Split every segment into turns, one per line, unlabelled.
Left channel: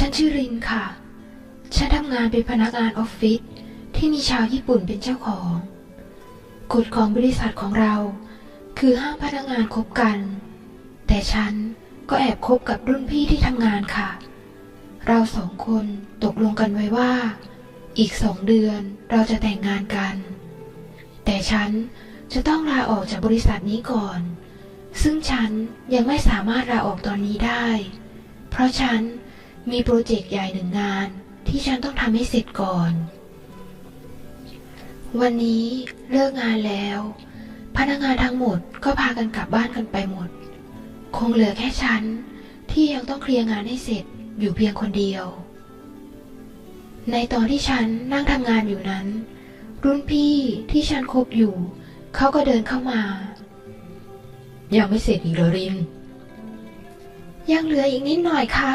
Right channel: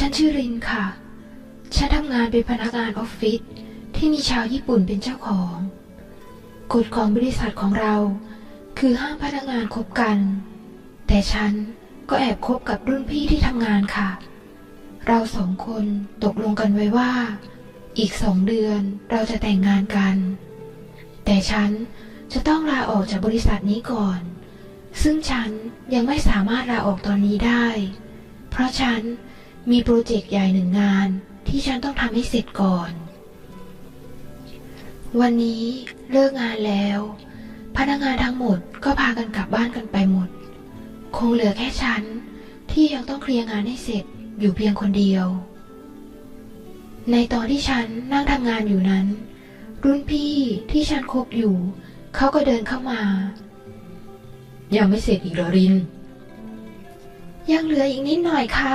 ฉันชื่อรินค่ะ ฉันทำงานเป็นพนักงานออฟฟิศที่มีชาวญี่ปุ่นเป็นเจ้าของ กฎของบริษัทของเรา คือห้ามพนักงานคบกัน แต่ฉันก็แอบคบกับรุ่นพี่ที่ทำงานค่ะ เราสองคนตกลงกันไว้ว่า อีกสองเดือนเราจะแต่งงานกัน แต่ฉันจะต้องลาออกจากบริษัทนี้ก่อน ซึ่งฉันยังไม่สามารถลาออกตอนนี้ได้ เพราะฉัน มีโปรเจกต์ใหญ่หนึ่งงานที่ฉันต้องทำให้เสร็จก่อน วันนี้เลิกงานแล้ว พนักงานทั้งหมดก็พากันกลับบ้านกันไปหมด คงเหลือแค่ฉันที่ยังต้องเคลียร์งานให้เสร็จอยู่เพียงคนเดียว ในตอนที่ฉันนั่งทำงานอยู่นั้น รุ่นพี่ที่ฉันคบอยู่ เขาก็เดินเข้ามา
ยังไม่เสร็จอีกเหรอริน
ยังเหลืออีกนิดหน่อยค่ะ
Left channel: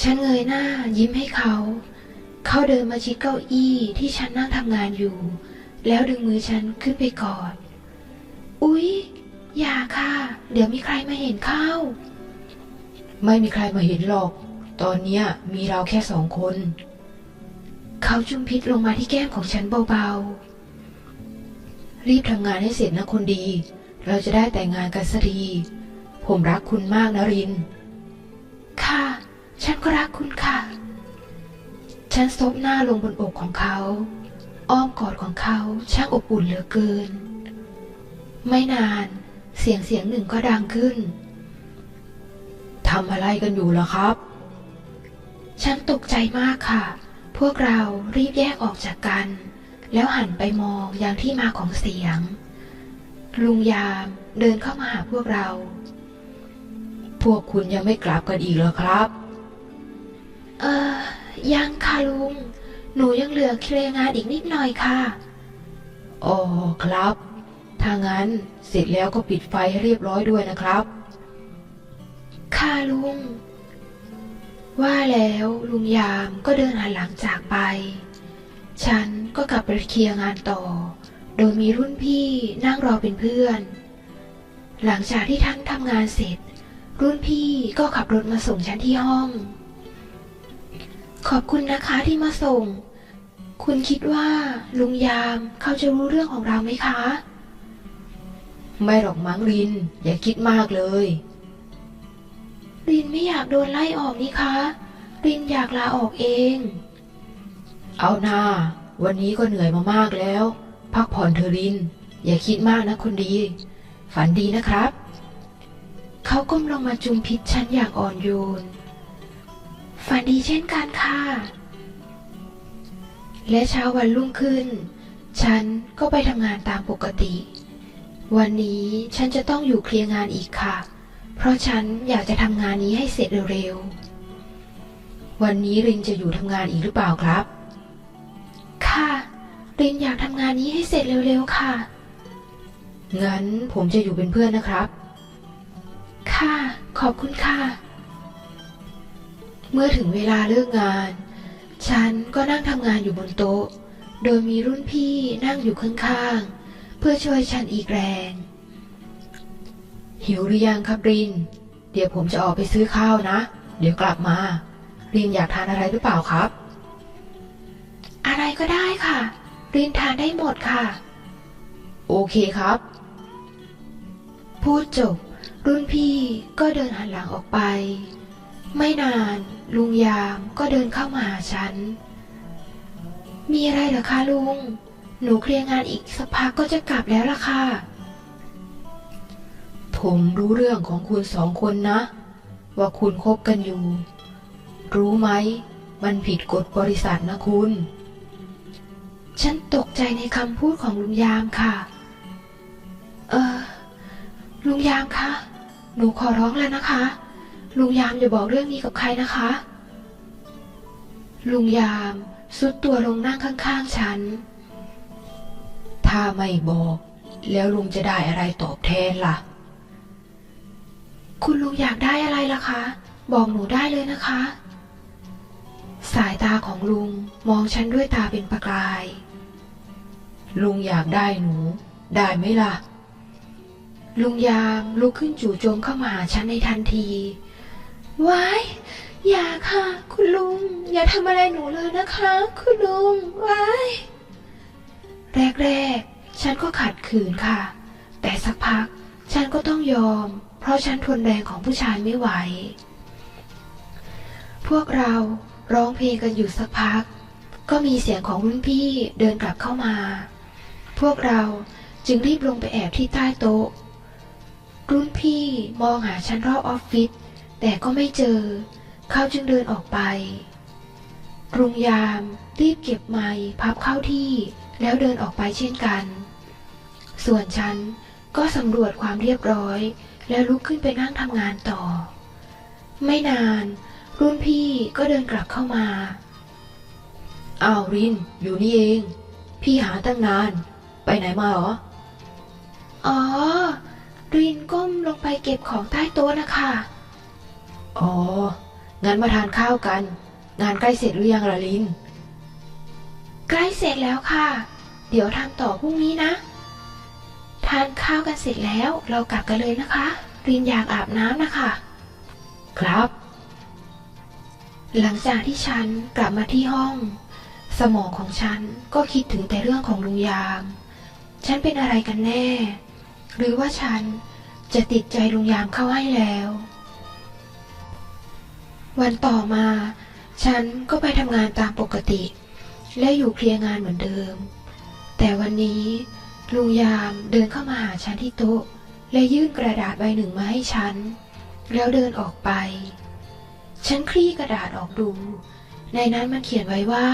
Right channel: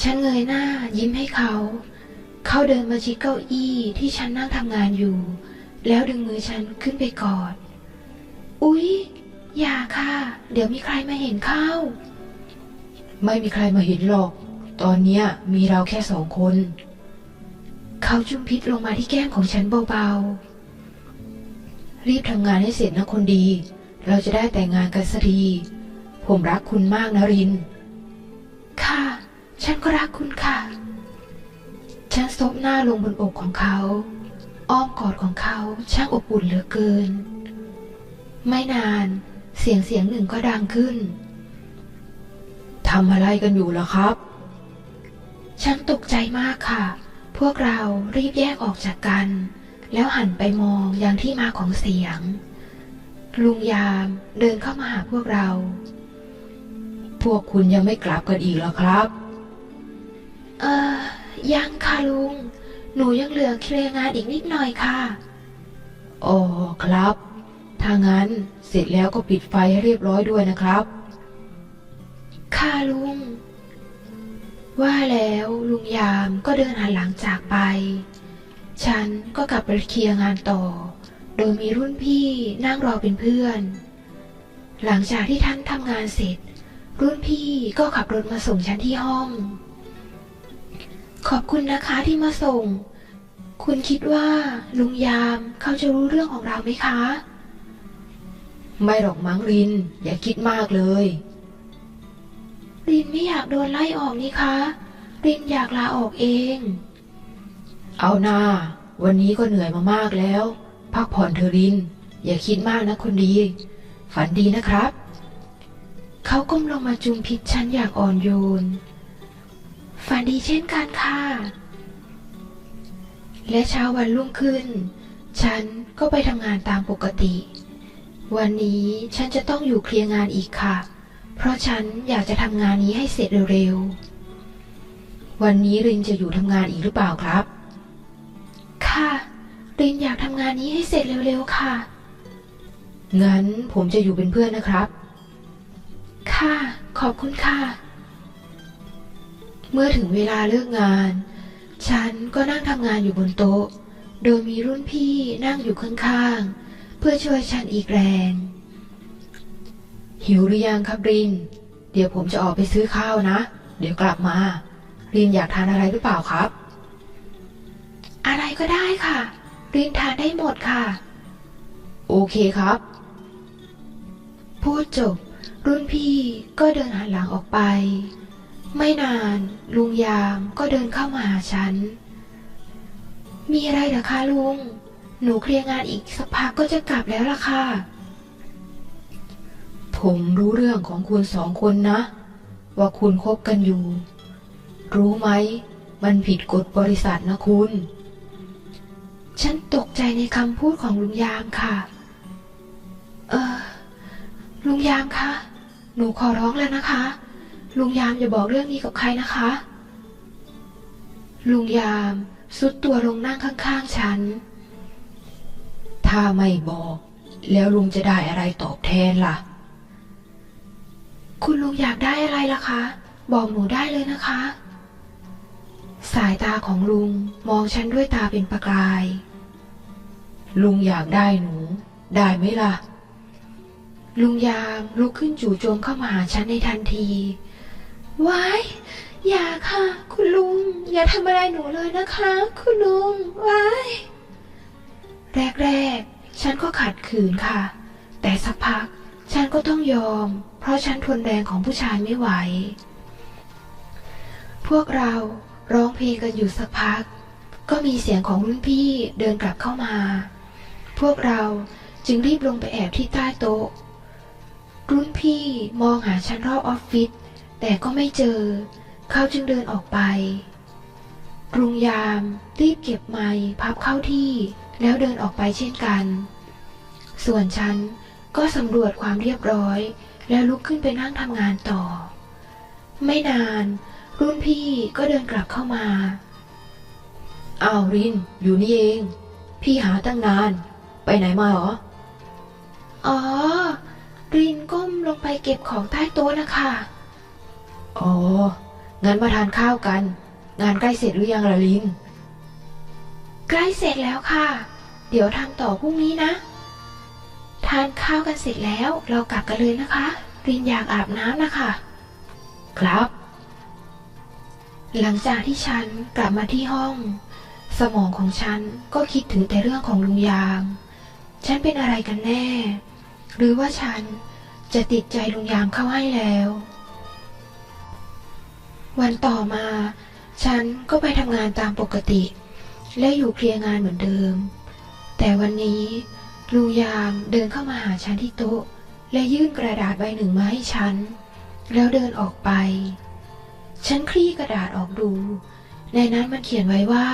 ฉันเงยหน้ายิ้มให้เขา เขาเดินมาชิดเก้าอี้ที่ฉันนั่งทำงานอยู่ แล้วดึงมือฉันขึ้นไปกอด อุ๊ย อย่าค่ะ เดี๋ยวมีใครมาเห็นเข้า
ไม่มีใครมาเห็นหรอก ตอนเนี้ยมีเราแค่สองคน
เขาจุมพิษลงมาที่แก้มของฉันเบา
รีบทำงานให้เสร็จนะคนดี เราจะได้แต่งงานกันสักทีผมรักคุณมากนะริน
ๆค่ะ ฉันก็รักคุณค่ะ ฉันซบหน้าลงบนอกของเขา อ้อมกอดของเขาช่างอบอุ่นเหลือเกิน ไม่นานเสียงเสียงหนึ่งก็ดังขึ้น
ทำอะไรกันอยู่ล่ะครับ
ฉันตกใจมากค่ะ พวกเรารีบแยกออกจากกัน แล้วหันไปมองอย่างที่มาของเสียง ลุงยามเดินเข้ามาหาพวกเรา
พวกคุณยังไม่กลับกันอีกเหรอครับ
เออยังค่ะลุง หนูยังเหลือเคลียร์งานอีกนิดหน่อยค่ะ
อ๋อครับ ถ้างั้นเสร็จแล้วก็ปิดไฟให้เรียบร้อยด้วยนะครับ
ค่ะลุง ว่าแล้วลุงยามก็เดินหันหลังจากไป ฉันก็กลับไปเคลียร์งานต่อ โดยมีรุ่นพี่นั่งรอเป็นเพื่อน หลังจากที่ท่านทำงานเสร็จ รุ่นพี่ก็ขับรถมาส่งฉันที่ห้อง ขอบคุณนะคะที่มาส่ง คุณคิดว่าลุงยามเขาจะรู้เรื่องของเราไหมคะ
ไม่หรอกมั้งริน อย่าคิดมากเลย
รินไม่อยากโดนไล่ออกนี่คะ รินอยากลาออกเอง
เอาหน้า วันนี้ก็เหนื่อยมามากแล้ว พักผ่อนเธอะริน อย่าคิดมากนะคนดี ฝันดีนะครับ
เขาก้มลงมาจุมพิษฉันอย่างอ่อนโยน ฝันดีเช่นกันค่ะ และเช้าวันรุ่งขึ้น ฉันก็ไปทำงานตามปกติ วันนี้ฉันจะต้องอยู่เคลียร์งานอีกค่ะ เพราะฉันอยากจะทำงานนี้ให้เสร็จเร็วๆ
วันนี้รินจะอยู่ทำงานอีกหรือเปล่าครับ
ค่ะ รินอยากทำงานนี้ให้เสร็จเร็วๆค่ะ
งั้นผมจะอยู่เป็นเพื่อนนะครับ
ค่ะ ขอบคุณค่ะ เมื่อถึงเวลาเลิกงาน ฉันก็นั่งทำงานอยู่บนโต๊ะ โดยมีรุ่นพี่นั่งอยู่ข้างๆ เพื่อช่วยฉันอีกแรง
หิวหรือยังครับริน เดี๋ยวผมจะออกไปซื้อข้าวนะ เดี๋ยวกลับมา รินอยากทานอะไรหรือเปล่าครับ
อะไรก็ได้ค่ะ รินทานได้หมดค่ะ
โอเคครับ
พูดจบ รุ่นพี่ก็เดินหันหลังออกไป ไม่นานลุงยามก็เดินเข้ามาหาฉัน มีอะไรเหรอคะลุง หนูเคลียร์งานอีกสักพักก็จะกลับแล้วล่ะค่ะ
ผมรู้เรื่องของคุณสองคนนะ ว่าคุณคบกันอยู่ รู้ไหม มันผิดกฎบริษัทนะคุณ
ฉันตกใจในคำพูดของลุงยามค่ะ เออ ลุงยามคะ หนูขอร้องแล้วนะคะ ลุงยามอย่าบอกเรื่องนี้กับใครนะคะ ลุงยามสุดตัวลงนั่งข้างๆฉัน
ถ้าไม่บอก แล้วลุงจะได้อะไรตอบแทนล่ะ
คุณลุงอยากได้อะไรล่ะคะ บอกหนูได้เลยนะคะ สายตาของลุงมองฉันด้วยตาเป็นประกาย
ลุงอยากได้หนู ได้ไหมล่ะ
ลุงยามลุกขึ้นจู่โจมเข้ามาหาฉันในทันที ว้ายอย่าค่ะ คุณลุง อย่าทำอะไรหนูเลยนะคะ คุณลุงว้ายแรกๆ ฉันก็ขัดขืนค่ะ แต่สักพักฉันก็ต้องยอม เพราะฉันทนแรงของผู้ชายไม่ไหว พวกเราร้องเพลงกันอยู่สักพัก ก็มีเสียงของรุ่นพี่เดินกลับเข้ามา พวกเราจึงรีบลงไปแอบที่ใต้โต๊ะ รุ่นพี่มองหาฉันรอบออฟฟิศ แต่ก็ไม่เจอ เขาจึงเดินออกไปรุงยามรีบเก็บไม้พับเข้าที่ แล้วเดินออกไปเช่นกัน ส่วนฉันก็สำรวจความเรียบร้อย แล้วลุกขึ้นไปนั่งทำงานต่อ ไม่นาน รุ่นพี่ก็เดินกลับเข้ามา
อ้าวริน อยู่นี่เอง พี่หาตั้งนาน ไปไหนมาเหรอ
อ๋อ รินก้มลงไปเก็บของใต้โต๊ะนะคะ
อ๋อ งั้นมาทานข้าวกัน งานใกล้เสร็จหรือยังล่ะลิน
ใกล้เสร็จแล้วค่ะ เดี๋ยวทำต่อพรุ่งนี้นะ ทานข้าวกันเสร็จแล้วเรากลับกันเลยนะคะรินอยากอาบน้ำนะคะ
ครับ
หลังจากที่ฉันกลับมาที่ห้อง สมองของฉันก็คิดถึงแต่เรื่องของลุงยามฉันเป็นอะไรกันแน่ หรือว่าฉันจะติดใจลุงยามเข้าให้แล้ว วันต่อมา ฉันก็ไปทำงานตามปกติ และอยู่เคลียร์งานเหมือนเดิม แต่วันนี้ลุงยามเดินเข้ามาหาฉันที่โต๊ะ และยื่นกระดาษใบหนึ่งมาให้ฉัน แล้วเดินออกไป ฉันคลี่กระดาษออกดู ในนั้นมันเขียนไว้ว่า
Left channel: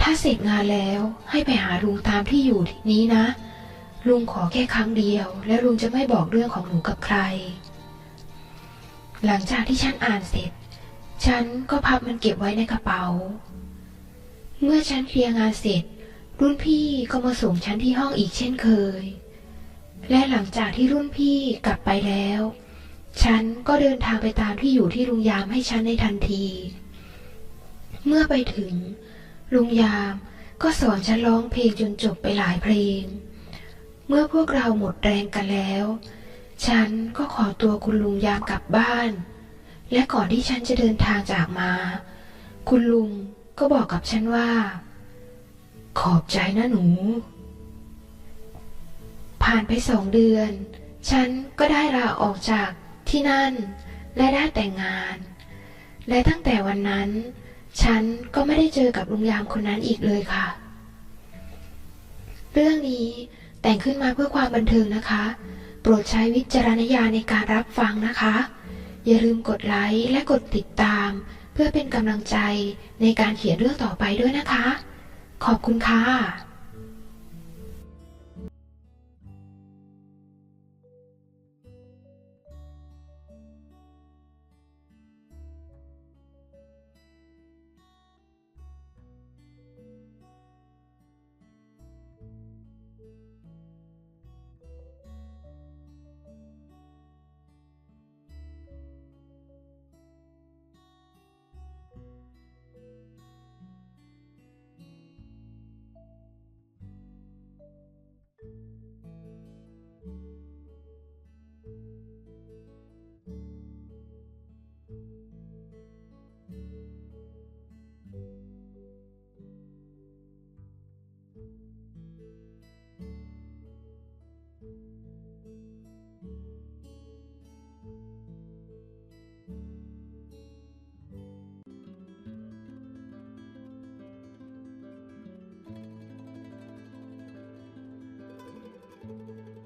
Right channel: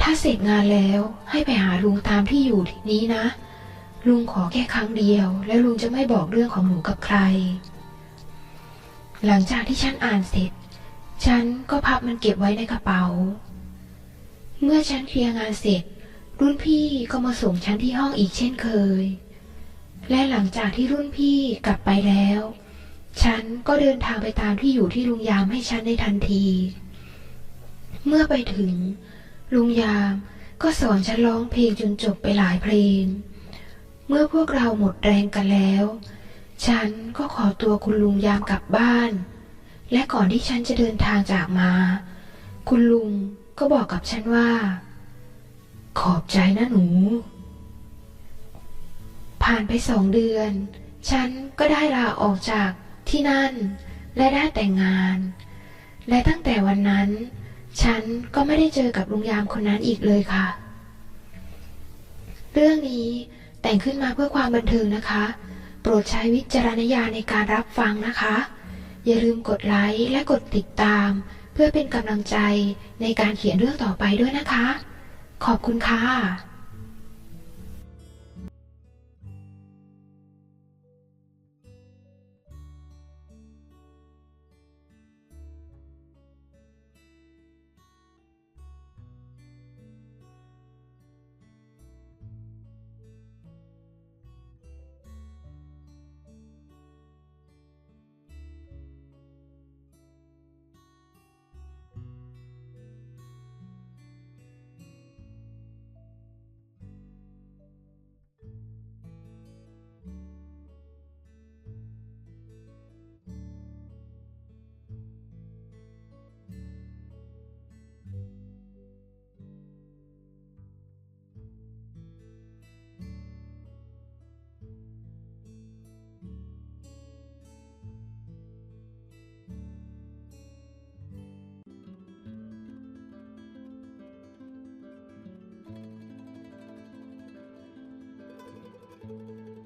ถ้าเสร็จงานแล้วให้ไปหาลุงตามที่อยู่นี้นะ ลุงขอแค่ครั้งเดียว แล้วลุงจะไม่บอกเรื่องของหนูกับใคร หลังจากที่ฉันอ่านเสร็จ ฉันก็พับมันเก็บไว้ในกระเป๋า เมื่อฉันเคลียร์งานเสร็จ รุ่นพี่ก็มาส่งฉันที่ห้องอีกเช่นเคย และหลังจากที่รุ่นพี่กลับไปแล้ว ฉันก็เดินทางไปตามที่อยู่ที่ลุงยามให้ฉันในทันที เมื่อไปถึง ลุงยามก็สอนฉันร้องเพลงจนจบไปหลายเพลง เมื่อพวกเราหมดแรงกันแล้ว ฉันก็ขอตัวคุณลุงยามกลับบ้าน และก่อนที่ฉันจะเดินทางจากมา คุณลุงก็บอกกับฉันว่า ขอบใจนะหนู ผ่านไปสองเดือน ฉันก็ได้ลาออกจากที่นั่น และได้แต่งงาน และตั้งแต่วันนั้น ฉันก็ไม่ได้เจอกับลุงยามคนนั้นอีกเลยค่ะ เรื่องนี้แต่งขึ้นมาเพื่อความบันเทิงนะคะ รดใช้วิจารณญาณในการรับฟังนะคะ อย่าลืมกดไลค์และกดติดตาม เพื่อเป็นกำลังใจในการเขียนเรื่องต่อไปด้วยนะคะ ขอบคุณค่ะ thank you